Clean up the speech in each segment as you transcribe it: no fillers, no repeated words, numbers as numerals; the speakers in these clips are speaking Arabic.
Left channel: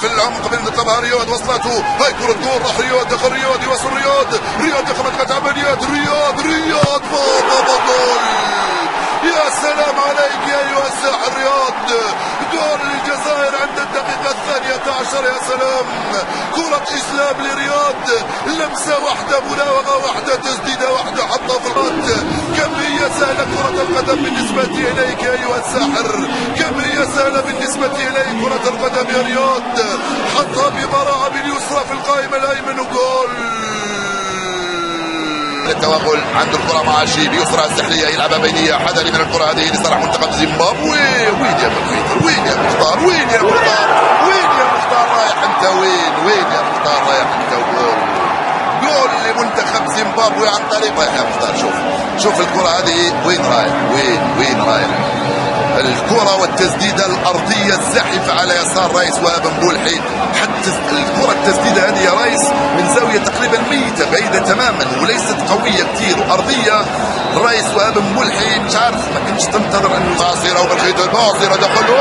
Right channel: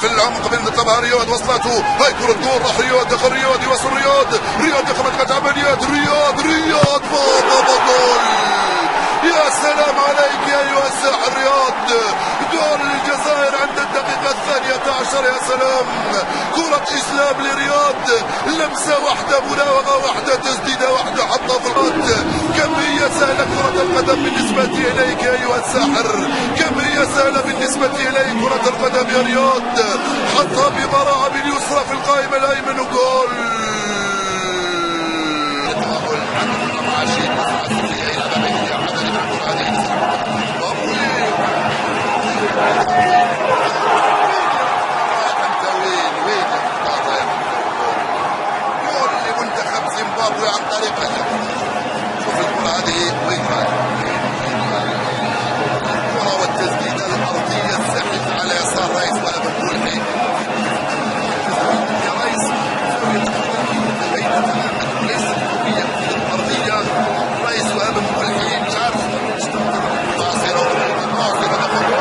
في العمق من طلبها رياض، وصلته هاي كرة جول، راح رياض، دخل رياض، يوصل رياض ياخذ قطع عمليات، رياض بابا جول. يا سلام عليك يا ايها الساحر رياض، جول الجزائر عند الدقيقة 12. يا سلام، كرة اسلام لرياض، لمسة واحدة، مراوغة واحدة، تسديدة واحدة، حطها في الخط. كم هي سهلة كرة القدم بالنسبة اليك يا ايها الساحر، كم هي سهلة بالنسبة اليك كرة القدم يا رياض. حطها ببراعة باليسرى في القائمة الايمن وجول. التوغل عند الكرة مع شيب، يسرى السحلية يلعبها بينية، حذري من الكرة هذه لصالح منتخب زيمبابوي. وين يا مختار رايح انت، وين يا مختار رايح انت. جول لمنتخب زيمبابوي عن طريق يا مختار. شوف الكرة هذه وين رايح. الكرة والتسديدة الأرضية الزاحفة على يسار رايس وابن بولحي. حتى الكرة التسديدة هذه يا رايس من زاوية تقريبا ميتة، بعيدة تماما وليست قوية كثير، أرضية. رايس وابن بولحي مش عارف، ما كنتش تنتظر أن باصرة وبرخيط باصرة دخل.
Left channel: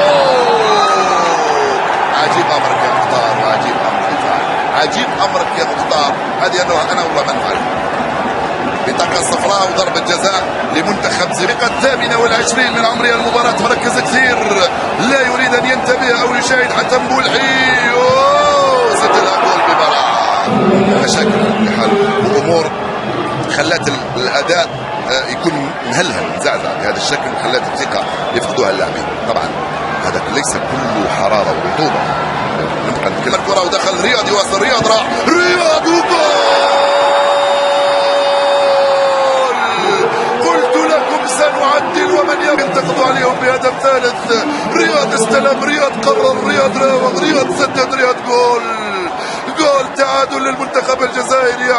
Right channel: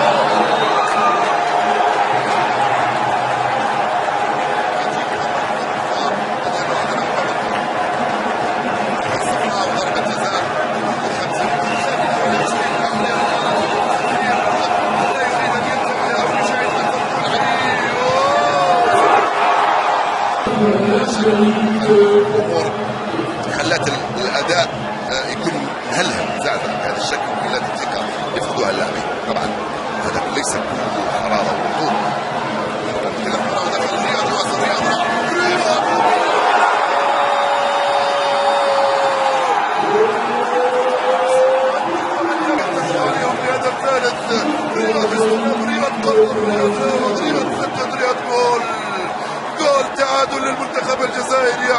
عجيب أمرك يا مختار، عجيب أمرك يا مختار. هذه أنا والله ما نعرف. بطاقة صفراء وضربة جزاء لمنتخب زيمبابوي. 28 من عمرية المباراة، مركز كثير، لا يريد أن ينتبه أو يشاهد حتى مبولحي. سجل جول ببراعة. مشاكل في حال وأمور خلت الأداء يكون مهلهل مزعزع بهذا الشكل، وخلت الثقة يفقدوها اللاعبين. طبعا هذا ليس كله حرارة ورطوبة. نبقى الكرة ودخل رياض، يواصل رياض، راح رياض وجول. سنعدل ومن ينتقد عليهم بهدف ثالث. رياض استلم، رياض قرر، رياض راوغ، رياض سدد، رياض جول تعادل للمنتخب الجزائري.